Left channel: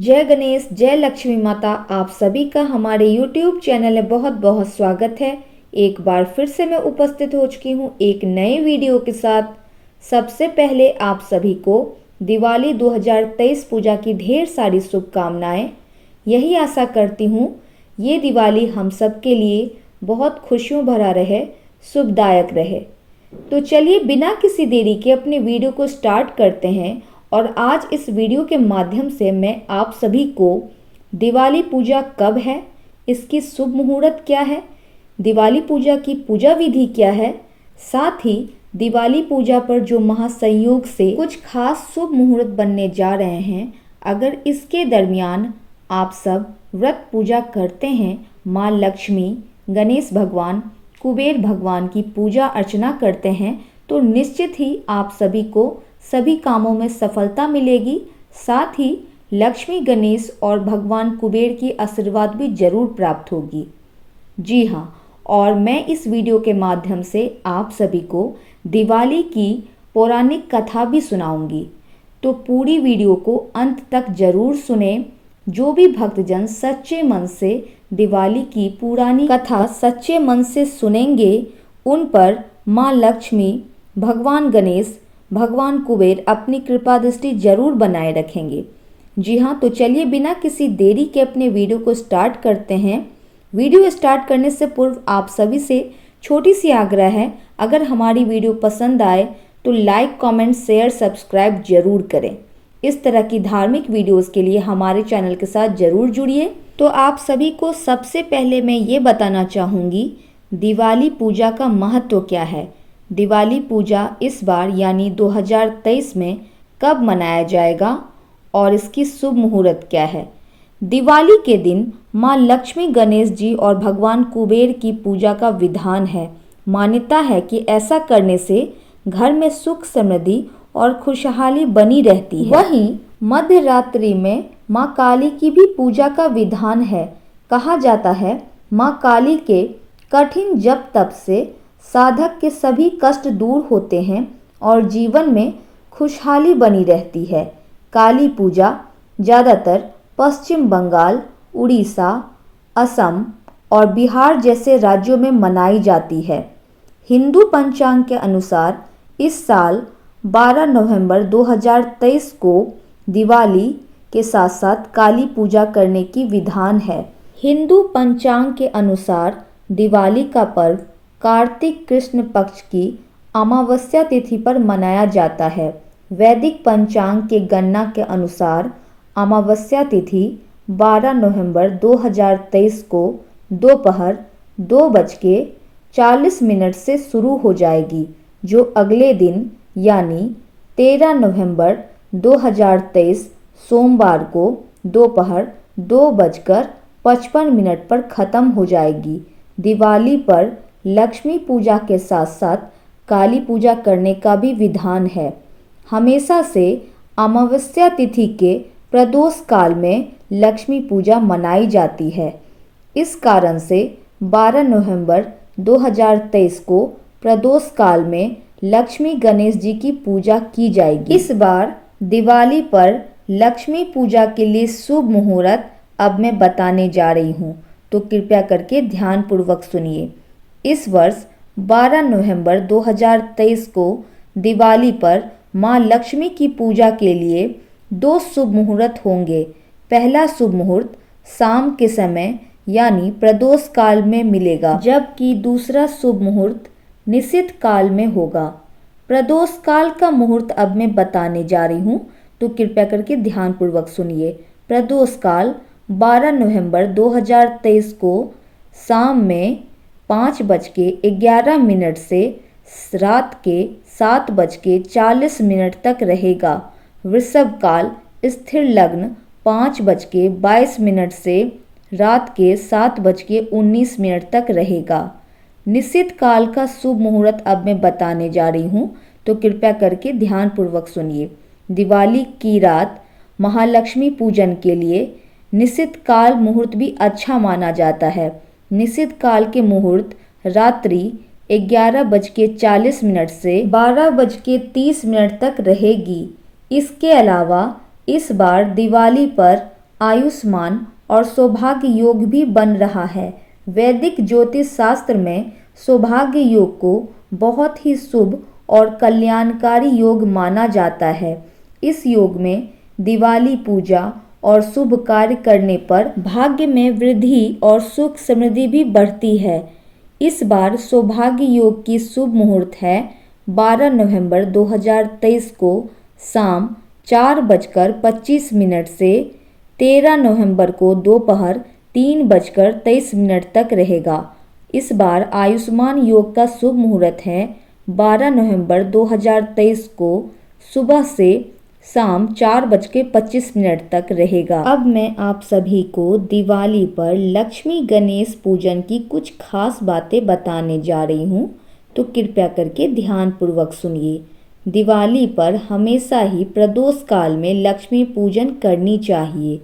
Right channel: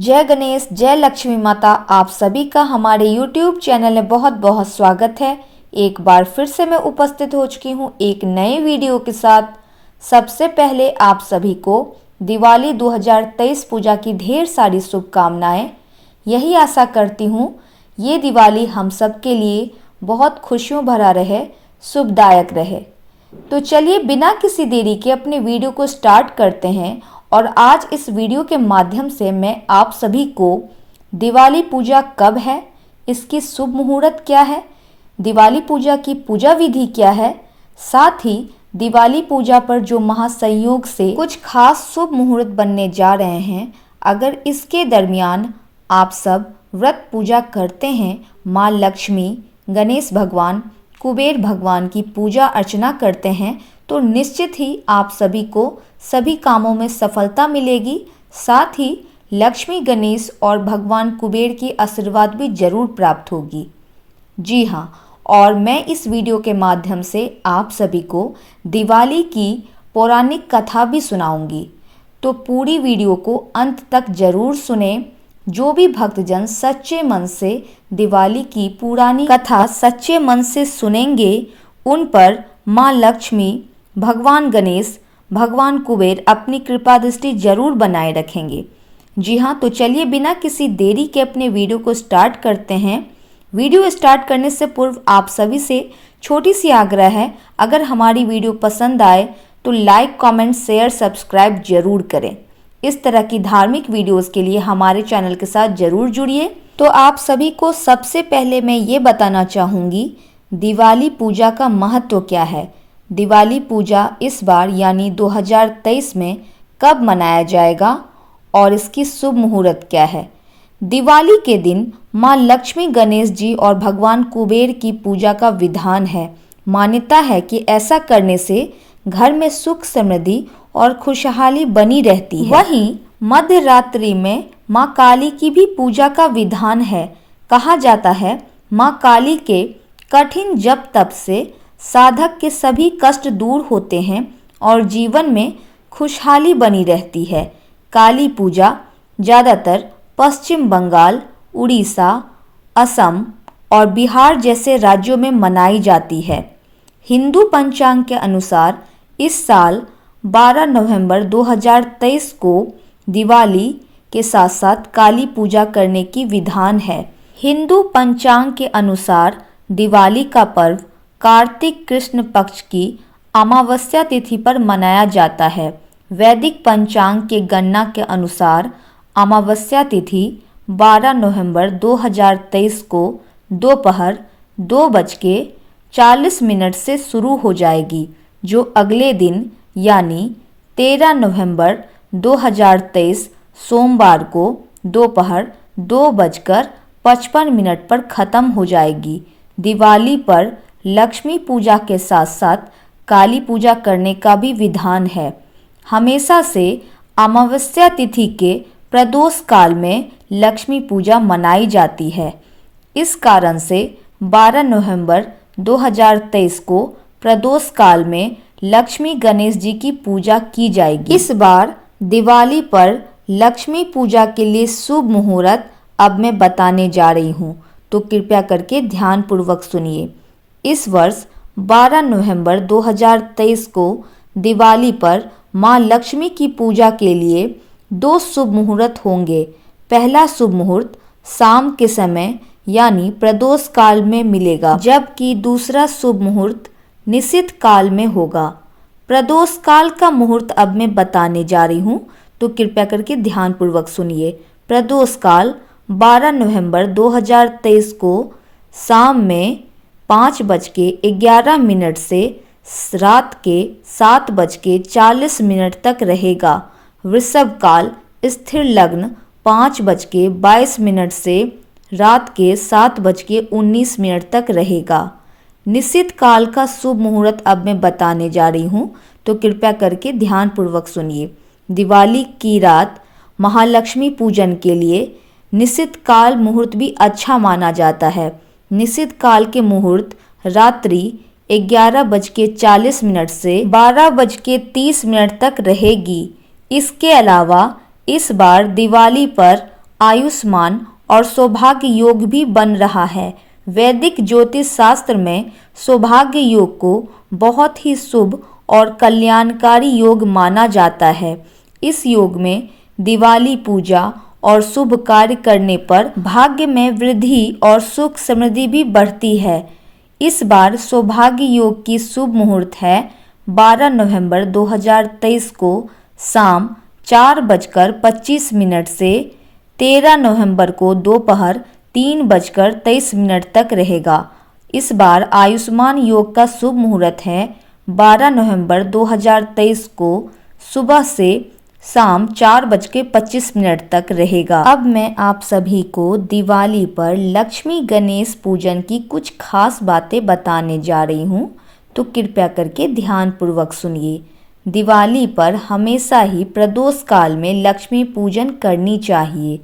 जय गणेश, जय लक्ष्मी माता। आप सभी का हमारे YouTube चैनल में बहुत बहुत स्वागत है। एक बार फिर से मैं उपस्थित हो चुकी हूँ एक नए वीडियो के साथ। सबसे पहले आप सभी को दिवाली 2023 पूजा की ढेर सारी शुभकामनाएं। यही आशा करती हूँ ये दिवाली हम सब के लिए बहुत खुशियों भरा रहे, शुभदायक रहे। तो चलिए बिना किसी देरी के अपने वीडियो को स्टार्ट करते हैं। और आज इस वीडियो के माध्यम से मैं आप सभी को दिवाली पूजा कब है, इसकी शुभ मुहूर्त क्या है, दिवाली पूजा की पूजा विधि क्या है, साथ ही दिवाली पूजा पर जो महासंयोग से कुछ खास शुभ मुहूर्त बनने जा रहे हैं, अगर इसके दरमियान आप सब व्रत पूजा करते हैं, माँ लक्ष्मी, गणेश भगवान, कुबेर भगवान की पूजा अर्चना करते हैं, तो निश्चित ही आप सभी को सभी कामों में सफलता मिलेगी। साथ ही लक्ष्मी, गणेश और भगवान कुबेर की आशीर्वाद भी जरूर प्राप्त होगी। जी हाँ, और मैं इस वीडियो के माध्यम से आप सभी को दिवाली की पौराणिक कथा भी सुनाऊंगी, तो पूरी वीडियो को अंत तक जरूर सुने। जो भी भक्तजन सच्चे मन से दिवाली की पुरानी कथा सच्चे मन से सुनेंगे, उन पर माँ लक्ष्मी, भगवान गणेश, भगवान कुबेर अपनी कृपा दृष्टि जरूर बनाए रखेंगे। जी हाँ, तो चलिए बिना किसी देरी के अपने वीडियो को स्टार्ट करते हैं। वीडियो स्टार्ट करने से पूर्व आप सभी से छोटी सी आग्रह है, अगर हमारी वीडियो पसंद आए तो लाइक, कमेंट, शेयर, सब्सक्राइब जरूर करें। इस तरह की धार्मिक वीडियोस के लिए हमारे चैनल के साथ जरूर जुड़िए। तो आप सभी को सबसे पहले मैं ये बताना चाहूँगी दिवाली पूजा का महत्व क्या है। दिवाली पूजा इस बार यानी 2023 में कब मनाया जाएगा और इसकी शुभ मुहूर्त क्या है। दिवाली के दिन माँ लक्ष्मी, गणेश जी और भगवान कुबेर की पूजा का विधान है। मान्यता है कि ऐसा करने से घर में सुख, समृद्धि और खुशहाली बनी रहती है। वहीं मध्य रात्रि में माँ काली की भी पूजा का विधान है। कहा जाता है माँ काली के कठिन जप तप से साधक के सभी कष्ट दूर होते हैं और जीवन में खुशहाली बनी रहती है। काली पूजा ज़्यादातर पश्चिम बंगाल, उड़ीसा, असम और बिहार जैसे राज्यों में मनाई जाती है। हिंदू पंचांग के अनुसार इस साल 12 नवंबर 2023 को दिवाली के साथ साथ काली पूजा करने की विधान है। हिंदू पंचांग के अनुसार दिवाली का पर्व कार्तिक कृष्ण पक्ष की अमावस्या तिथि पर मनाया जाता है। वैदिक पंचांग के गणना के अनुसार अमावस्या तिथि 12 नवंबर 2023 को दोपहर 2:40 से शुरू हो जाएगी, जो अगले दिन यानी 13 नवंबर 2023 सोमवार को दोपहर 2:55 पर खत्म हो जाएगी। दिवाली पर लक्ष्मी पूजा के साथ साथ काली पूजा करने का भी विधान है। हमेशा से अमावस्या तिथि के प्रदोष काल में लक्ष्मी पूजा मनाई जाती है। इस कारण से 12 नवंबर 2023 को प्रदोष काल में लक्ष्मी, गणेश जी की पूजा की जाएगी। इस बार दिवाली पर लक्ष्मी पूजा के लिए शुभ मुहूर्त अब मैं बताने जा रही हूँ, तो कृपया करके ध्यान पूर्वक सुनिए। इस वर्ष 12 नवंबर 2023 को दिवाली पर माँ लक्ष्मी की पूजा के लिए 2 शुभ मुहूर्त होंगे। पहला शुभ मुहूर्त शाम के समय यानी प्रदोष काल में मिलेगा, जबकि दूसरा शुभ मुहूर्त निशित काल में होगा। प्रदोष काल का मुहूर्त अब मैं बताने जा रही हूँ, तो कृपया करके ध्यान पूर्वक सुनिए। प्रदोष काल 12 नवंबर 2023 को शाम में 5:11 से रात के 7:40 तक रहेगा। वृषभ काल स्थिर लग्न 5:22 से रात के 7:19 तक रहेगा। निश्चित काल का शुभ मुहूर्त अब मैं बताने जा रही हूँ, तो कृपया करके ध्यान पूर्वक सुनिए। दिवाली की रात महालक्ष्मी पूजन के लिए निश्चित काल मुहूर्त भी अच्छा माना जाता है। निश्चित काल के मुहूर्त रात्रि 11:40 से 12:30 तक रहेगी। इसके अलावा इस बार दिवाली पर आयुष्मान और सौभाग्य योग भी बन रहा है। वैदिक ज्योतिष शास्त्र में सौभाग्य योग को बहुत ही शुभ और कल्याणकारी योग माना जाता है। इस योग में दिवाली पूजा और शुभ कार्य करने पर भाग्य में वृद्धि और सुख समृद्धि भी बढ़ती है। इस बार सौभाग्य योग की शुभ मुहूर्त है 12 नवंबर 2023 को शाम 4:25 से 13 नवंबर को दोपहर 3:23 तक रहेगा। इस बार आयुष्मान योग का शुभ मुहूर्त है 12 नवंबर 2023 को सुबह से शाम 4:25 तक रहेगा। अब मैं आप सभी को दिवाली पर लक्ष्मी गणेश पूजन की कुछ खास बातें बताने जा रही हूँ, तो कृपया करके ध्यान पूर्वक सुनिए। दिवाली पर हमेशा ही प्रदोष काल में लक्ष्मी पूजन करनी चाहिए।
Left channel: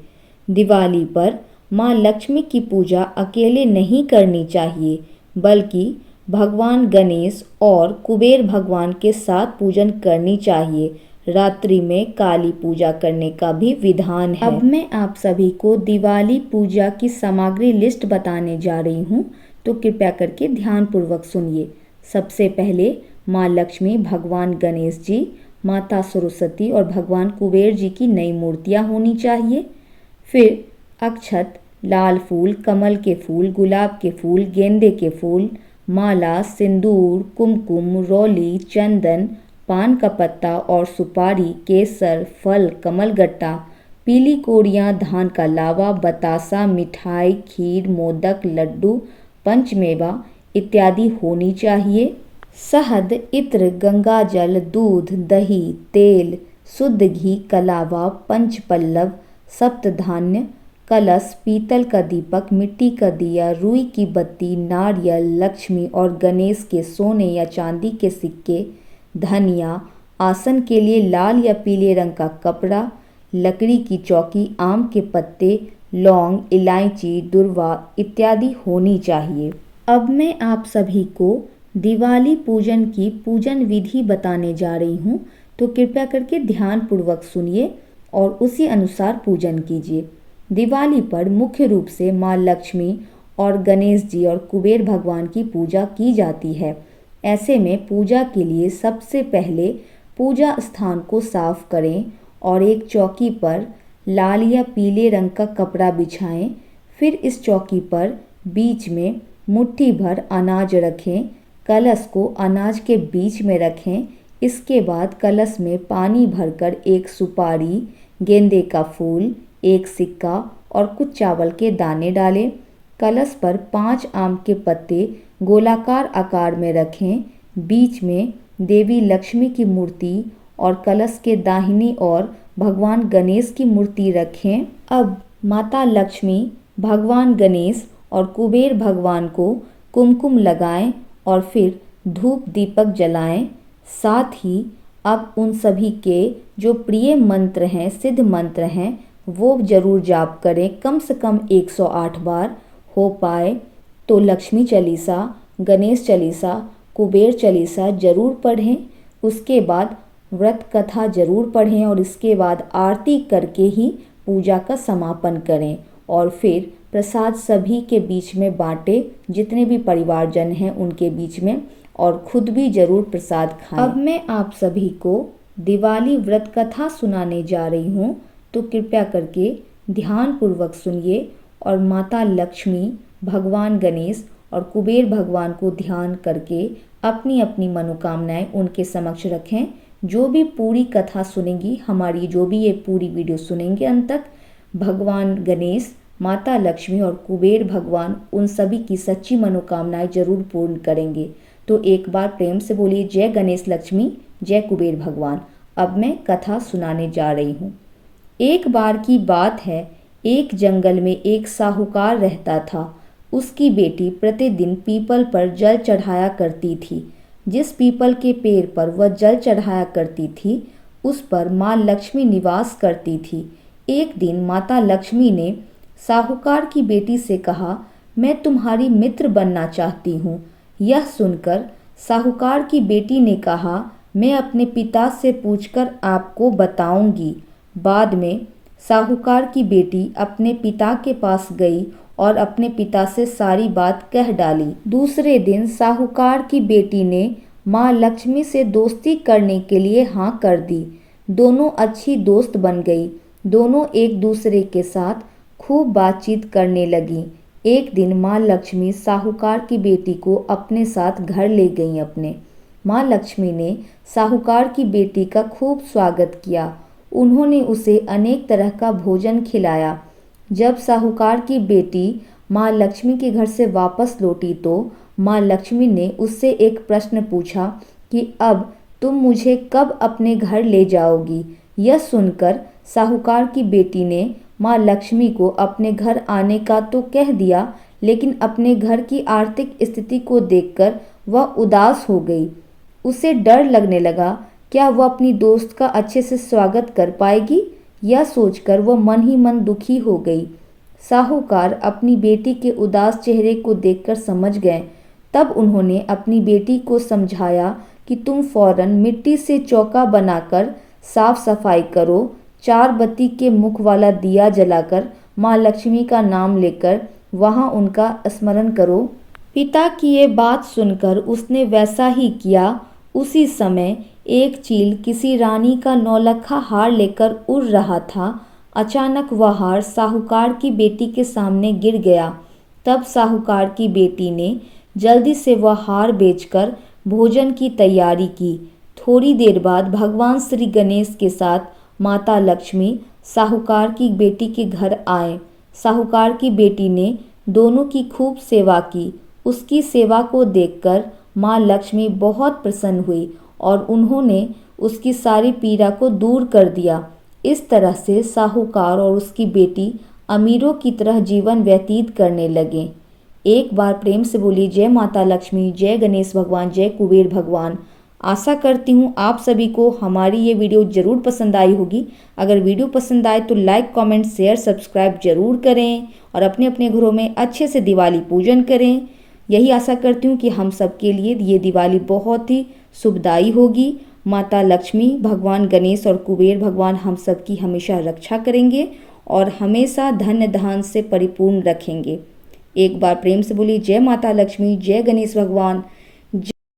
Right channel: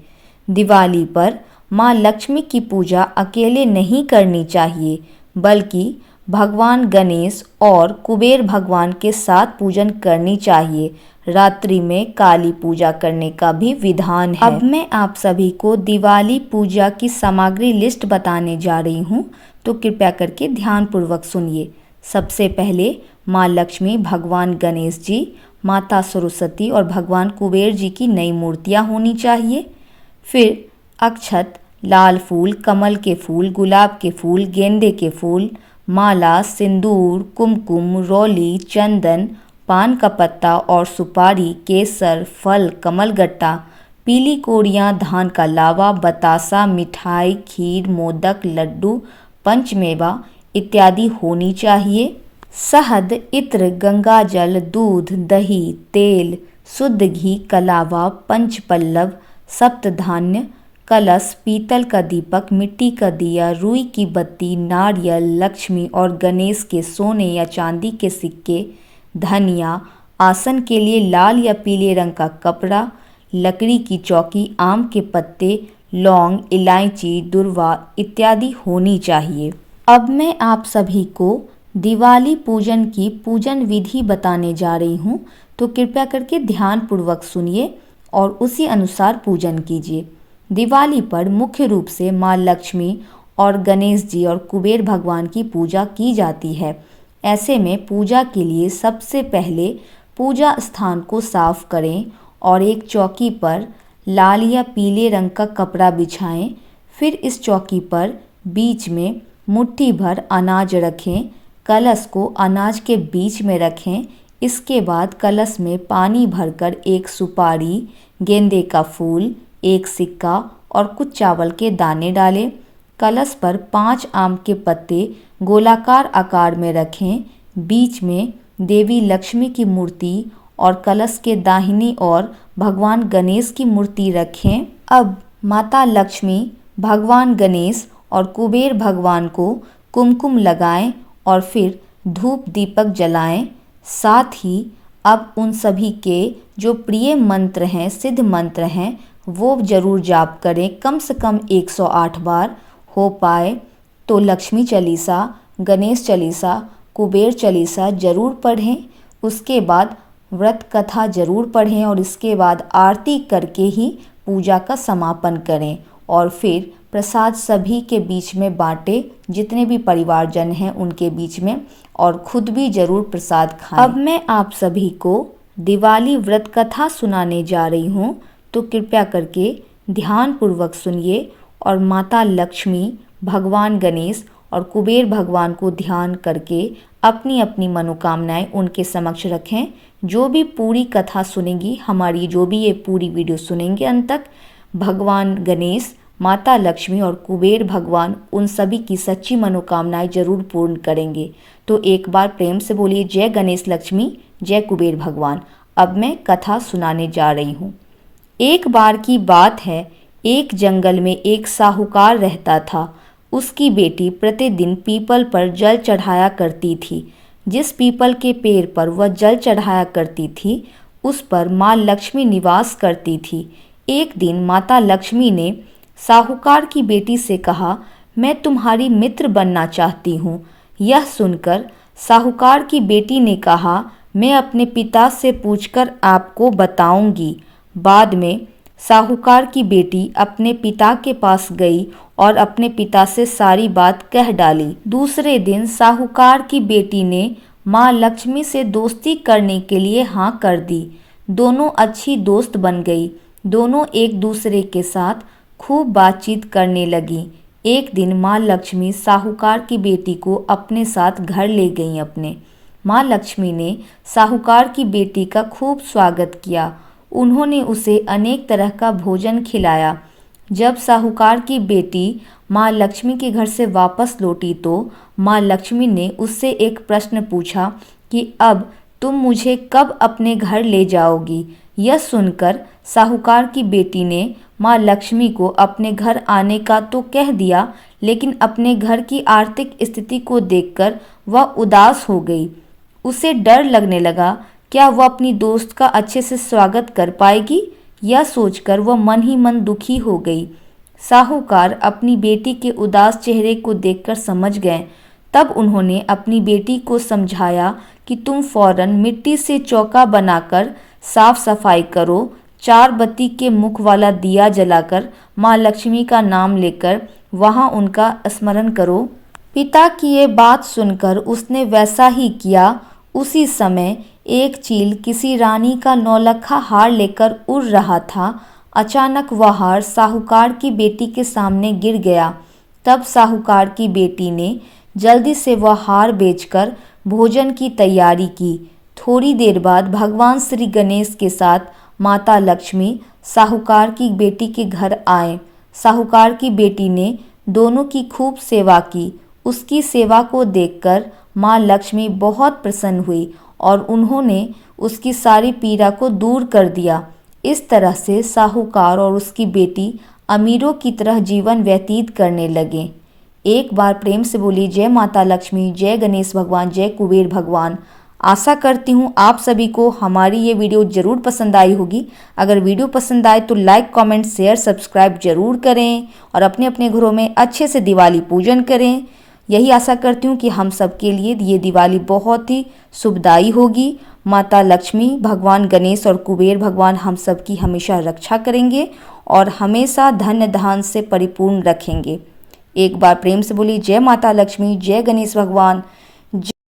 दिवाली पर माँ लक्ष्मी की पूजा अकेले नहीं करनी चाहिए, बल्कि भगवान गणेश और कुबेर भगवान के साथ पूजन करनी चाहिए। रात्रि में काली पूजा करने का भी विधान है। अब मैं आप सभी को दिवाली पूजा की सामग्री लिस्ट बताने जा रही हूँ, तो कृपया करके ध्यान पूर्वक सुनिए। सबसे पहले माँ लक्ष्मी, भगवान गणेश जी, माता सरस्वती और भगवान कुबेर जी की नई मूर्तियाँ होनी चाहिए। फिर अक्षत, लाल फूल, कमल के फूल, गुलाब के फूल, गेंदे के फूल, माला, सिंदूर, कुमकुम, रोली, चंदन, पान का पत्ता और सुपारी, केसर, फल, कमलगट्टा, पीली कोड़ियाँ, धान का लावा, बतासा, मिठाई, खीर, मोदक, लड्डू, पंचमेवा इत्यादि होनी चाहिए। शहद, इत्र, गंगाजल, दूध, दही, तेल, शुद्ध घी, कलावा, पंचपल्लव, सप्तधान्य, कलश, पीतल का दीपक, मिट्टी का दिया, रुई की बत्ती, नारियल, लक्ष्मी और गणेश के सोने या चांदी के सिक्के, धनिया, आसन के लिए लाल या पीले रंग का कपड़ा, लकड़ी की चौकी, आम के पत्ते, लौंग, इलायची, दुर्वा इत्यादि होनी चाहिए। अब मैं आप सभी को दिवाली पूजन की पूजन विधि बताने जा रही हूँ, तो कृपया करके ध्यान पूर्वक सुनिए और उसी अनुसार पूजन कीजिए। दिवाली पर मुख्य रूप से माँ लक्ष्मी और गणेश जी और कुबेर भगवान की पूजा की जाती है। ऐसे में पूजा के लिए सबसे पहले पूजा स्थान को साफ करें और एक चौकी पर लाल या पीले रंग का कपड़ा बिछाएं। फिर इस चौकी पर बीच में मुट्ठी भर अनाज रखें। कलश को अनाज के बीच में रखें। इसके बाद कलश में पानी भरकर एक सुपारी, गेंदे का फूल, एक सिक्का और कुछ चावल के दाने डालें। कलश पर 5 आम के पत्ते गोलाकार आकार में रखें। बीच में देवी लक्ष्मी की मूर्ति और कलश के दाहिनी ओर भगवान गणेश की मूर्ति रखें। अब माता लक्ष्मी, भगवान गणेश और कुबेर भगवान को कुमकुम लगाएं और फिर धूप दीपक जलाएं। साथ ही अब उन सभी के जो प्रिय मंत्र हैं, सिद्ध मंत्र हैं, वो जरूर जाप करें। कम से कम 108 बार हो पाए तो लक्ष्मी चालीसा, गणेश चालीसा, कुबेर चालीसा जरूर पढ़ें। उसके बाद व्रत कथा जरूर पढ़ें और इसके बाद आरती करके ही पूजा का समापन करें और फिर प्रसाद सभी के बीच में बांटें, जितने भी परिवारजन हैं उनके बीच में, और खुद भी जरूर प्रसाद खाएं। अब मैं आप सभी को दिवाली व्रत कथा सुनाने जा रही हूँ, तो कृपया करके ध्यान पूर्वक सुनिए और माता लक्ष्मी, भगवान गणेश और कुबेर भगवान को ध्यान करके अपनी अपनी मनोकामनाएं उनके समक्ष रखें। जो भी पूरी कथा सुनेंगी, हमारी जो भी ये पूरी वीडियो सुनेंगे अंत तक, भगवान गणेश, माता लक्ष्मी और कुबेर भगवान उन सभी की सच्ची मनोकामनाएं जरूर पूर्ण करेंगे। तो एक बार प्रेम से बोलिए जय गणेश लक्ष्मी, जय कुबेर भगवान। अब मैं कथा सुनाने जा रही हूँ। एक बार की बात है, एक जंगल में एक साहूकार रहता था। उसकी बेटी प्रतिदिन पीपल पर जल चढ़ाया करती थी। जिस पीपल के पेड़ पर वह जल चढ़ाया करती थी, उस पर माँ लक्ष्मी निवास करती थी। एक दिन माता लक्ष्मी ने साहूकार की बेटी से कहा, मैं तुम्हारी मित्र बनना चाहती हूँ। यह सुनकर साहूकार की बेटी ने कहा, मैं अपने पिता से पूछकर आपको बताऊंगी। बाद में साहूकार की बेटी अपने पिता के पास गई और अपने पिता से सारी बात कह डाली। दूसरे दिन साहूकार की बेटी ने माँ लक्ष्मी से दोस्ती करने के लिए हाँ कर दी। दोनों अच्छी दोस्त बन गई। दोनों एक दूसरे के साथ खूब बातचीत करने लगी। एक दिन माँ लक्ष्मी साहूकार की बेटी को अपने साथ घर ले गईं अपने। माँ लक्ष्मी ने साहूकार की बेटी का खूब स्वागत किया। उन्होंने उसे अनेक तरह का भोजन खिलाया। जब साहूकार की बेटी माँ लक्ष्मी के घर से वापस लौटी तो माँ लक्ष्मी ने उससे एक प्रश्न पूछा कि अब तुम मुझे कब अपने घर ले जाओगी। यह सुनकर साहूकार की बेटी ने माँ लक्ष्मी को अपने घर आने का तो कह दिया, लेकिन अपने घर की आर्थिक स्थिति को देखकर वह उदास हो गई। उसे डर लगने लगा, क्या वह अपनी दोस्त का अच्छे से स्वागत कर पाएगी। यह सोचकर वह मन ही मन दुखी हो गई। साहूकार अपनी बेटी के उदास चेहरे को देखकर समझ गए। तब उन्होंने अपनी बेटी को समझाया कि तुम फौरन मिट्टी से चौका बनाकर साफ सफाई करो, 4 बत्ती के मुख वाला दिया जलाकर माँ लक्ष्मी का नाम लेकर वहाँ उनका स्मरण करो। पिता की ये बात सुनकर उसने वैसा ही किया। उसी समय एक चील किसी रानी का नौलखा हार लेकर उड़ रहा था। अचानक वह हार साहूकार की बेटी के सामने गिर गया। तब साहूकार की बेटी ने जल्दी से वह हार बेचकर भोजन की तैयारी की। थोड़ी देर बाद भगवान श्री गणेश के साथ माता लक्ष्मी साहूकार की बेटी के घर आए। साहूकार की बेटी ने दोनों की खूब सेवा की। उसकी सेवा को देखकर माँ लक्ष्मी बहुत प्रसन्न हुई और उन्होंने उसकी सारी पीड़ा को दूर कर दिया। इस तरह से साहूकार और उसकी बेटी अमीरों की तरह जीवन व्यतीत करने लगे। एक बार प्रेम से बोली जय माता लक्ष्मी, जय गणेश भगवान, जय कुबेर भगवान। आशा करती हूँ आप सभी को हमारी ये वीडियो ज़रूर पसंद आई होगी। अगर वीडियो पसंद आए तो लाइक, कमेंट, शेयर, सब्सक्राइब जरूर करें और अपने अपने घरों में अच्छे से दिवाली पूजन करें। यही आशा करती हूँ कि हम सब के लिए ये दिवाली बहुत ही शुभदायी होगी। माता लक्ष्मी, भगवान गणेश और कुबेर भगवान हम सब की हमेशा रक्षा करेंगे और हमेशा धन धान से परिपूर्ण रखेंगे। एक बार प्रेम से बोली जय माता लक्ष्मी, जय गणेश भगवान,